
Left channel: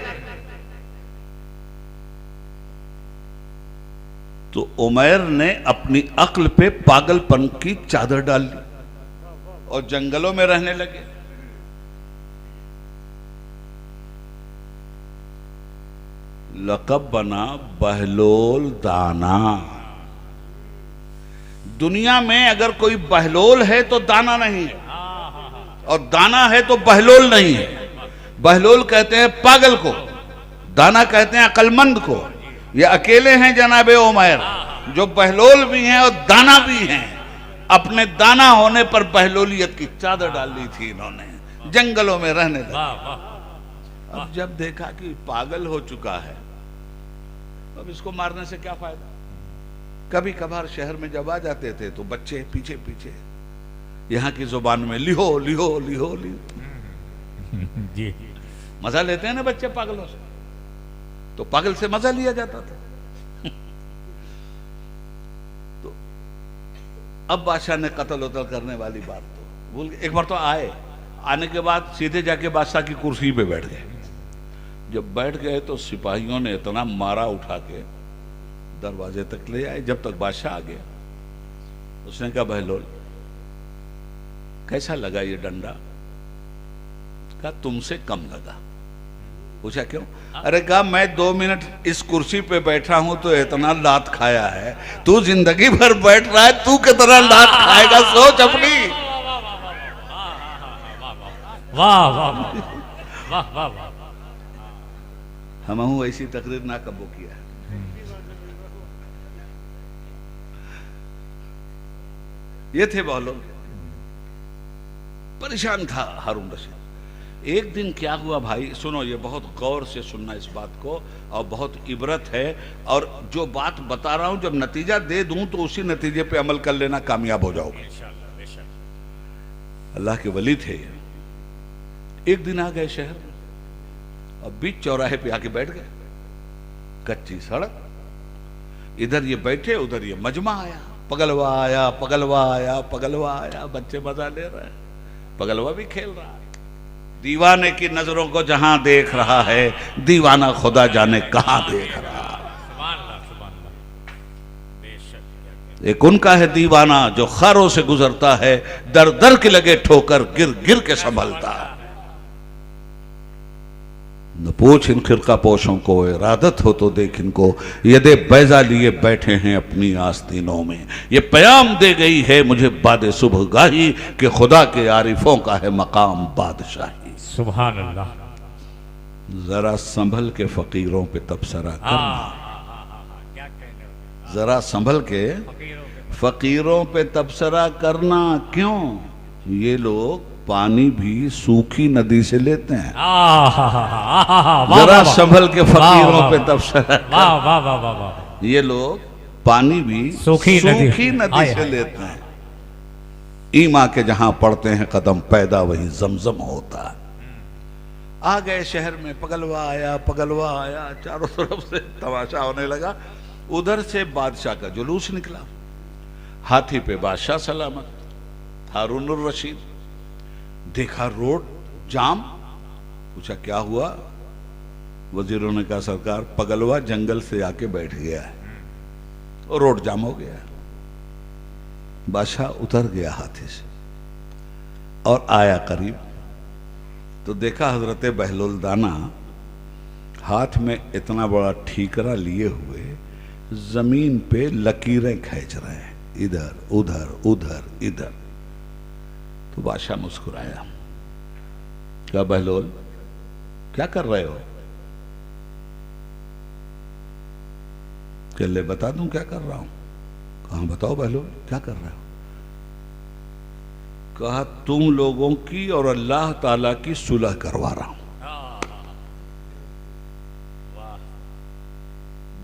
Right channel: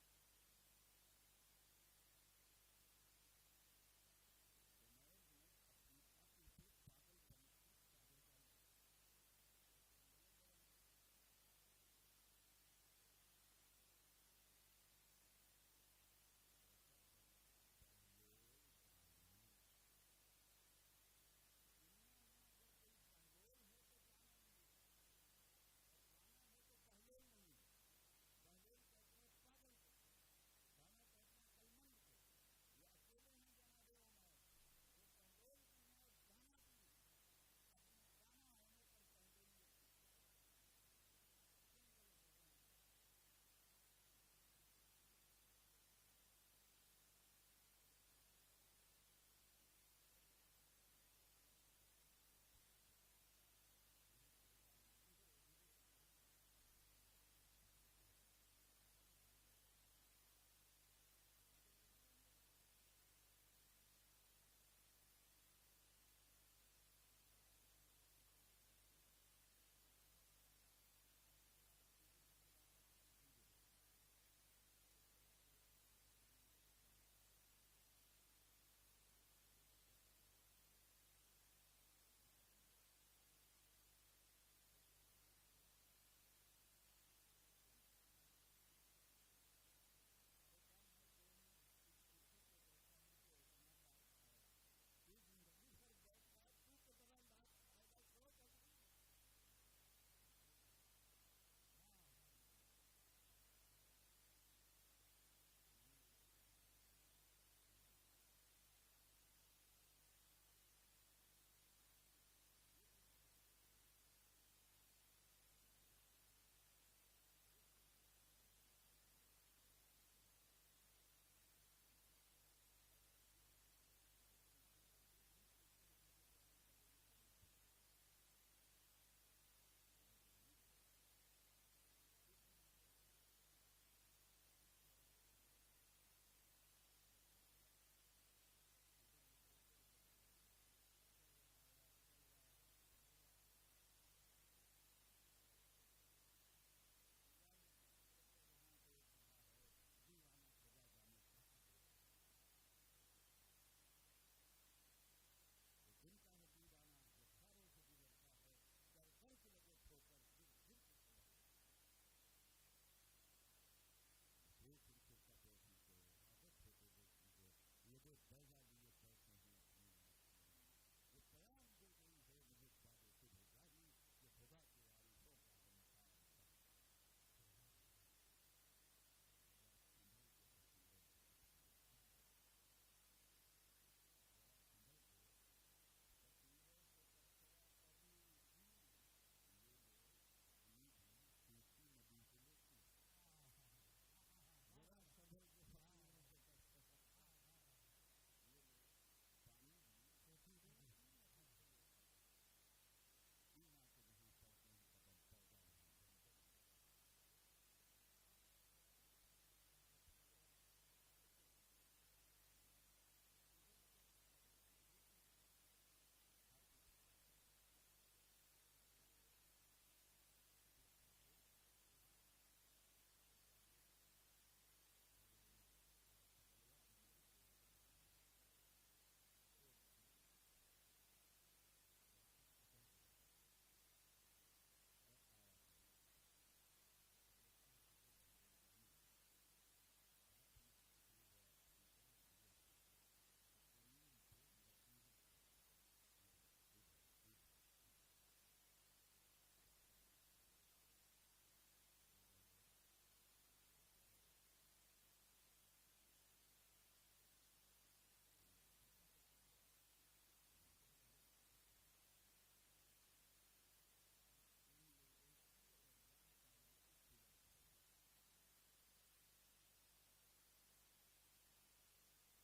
तो उमैर ने अपनी अक्ल पे पागलपन की चादर डाल ली और जंगलों में रहने लगे। लक़ब बना बहलोल दाना। दुनिया में अगर कोई बहलोल है तो दाना नहीं है, और दाना है तो बहलोल नहीं है। बहलोल कहते हैं पागल को, दाना कहते हैं अक्लमंद को। ये अकेले हैं जनाबे उमैर जो बहलोल भी हैं और दाना भी हैं। अपने दाना होने पर बहलोलियत की चादर डाल ली थी इन्होंने, जंगलों में रहने लगे। अब जब देखा कि पागल हो चुका है, अब इसको मारने से क्या फायदा। कभी कभार शहर में जब आ जाते थे तो बच्चे पीछे पीछे यहाँ की जुबान में लिहो लिहो लिहो लिहो जी, मजा लेते हैं ना बच्चे पागलों से, तो पागल से मजा लिया जाता था। तो अब बादशाह ने कत्ल उतल करने वाली बात तो भूल गए। एक बार तो आने के बाद सीधे जाके बादशाह की कुर्सी पे बैठ गए। जब बैठ गए तो सिपाहियों ने इतना मारा, उठा के दरवाजे तक ले आए। जब तक बादशाह आ गया, उसने कहा बहलोल कैसा लगा ये डंडा? कहा तुमसे कम लगा। पूछा क्यों? अरे कहा मैं 2 मिनट इस कुर्सी पे बैठा हूं तो इतना लात खाया है, तू जिंदगी भर बैठ रहा है, तू कितना लात खाएगा, सोच अपनी। वाह वाह वाह वाह वाह। हम ऐसी तकरीर ना कबो किया। ये थे बहलोल। परेशान था हारून रशीद। एक दिन क्या हुआ भाई, सुनो, ये बहुत गौर से सुनना इस बात को, और बहुत इबरत है। और जो बात बता रहा हूं जब नतीजा दे दूं तो उसी नतीजे पे अमल कर लेना, कामयाब हो जाओगे। अल्लाह के वली थे। एक दिन आ गए शहर में, और बीच चौराहे पे आके बैठ गए। कच्ची सड़क, इधर ये बैठे उधर ये मजमा आया। पगलवा आया, पगलवा आया, पगलवा आया। बच्चे मजा ले रहे हैं, पगलवा भी खेल रहा है। दीवाने की नजरों को जहां देख रहा है, दीवाना खुदा जाने कहां देख रहा है। एक उनका है दीवाना जो खारों से गुजरता है, दर दर के लगे ठोकर गिर गिर के संभलता है। न पूछ इन खिरका पोशों को, इरादत हो तो देख इनको, यदे बैजा लिए बैठे हैं अपनी आस्तीनों में। ये प्याम दे गई है मुझे बाद सुबह गाही, कि खुदा के आरिफों का है मकाम बादशाही। सुभान अल्लाह। जरा संभल के फकीरों पे तबसरा करना, जरा संभल के फकीरों पे तबसरा करना। क्यों? ये लोग पानी भी सूखी नदी से लेते हैं। जरा संभल के फकीरों पे तबसरा। ये लोग पानी भी सूखी नदी से लेते हैं। ईमा के जहां पड़ते हैं कदम, पैदा वही जमजम होता है। आ गए शहर में, पगलवा आया, पगलवा आया। चारों तरफ से तमाशा होने लगा। उधर से बादशाह का जुलूस निकला, हाथी पे बादशाह सलामत, हारून रशीद। देखा रोड जाम, पूछा क्या हुआ? वजीरों ने कहा सरकार, पगलवा जंगल से आके बैठ गया है और रोड जाम हो गया। बादशाह उतर गया हाथी से और आया करीब, तो देखा हजरत बहलोल दाना हाथ में इतना बड़ा ठीकरा लिए हुए जमीन पे लकीरें खींच रहे हैं, इधर उधर उधर इधर। तो बादशाह मुस्कुराया, क्या बहलोल क्या कर रहे हो? ले बता दूं क्या कर रहा हूं? कहा बताओ बहलोल क्या कर रहे हो? कहा तुम लोगों की और अल्लाह ताला की सुलह करवा रहा हूं।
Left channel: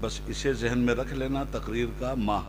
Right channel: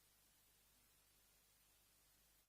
बस इसे जहन में रख लेना, तकरीर का माह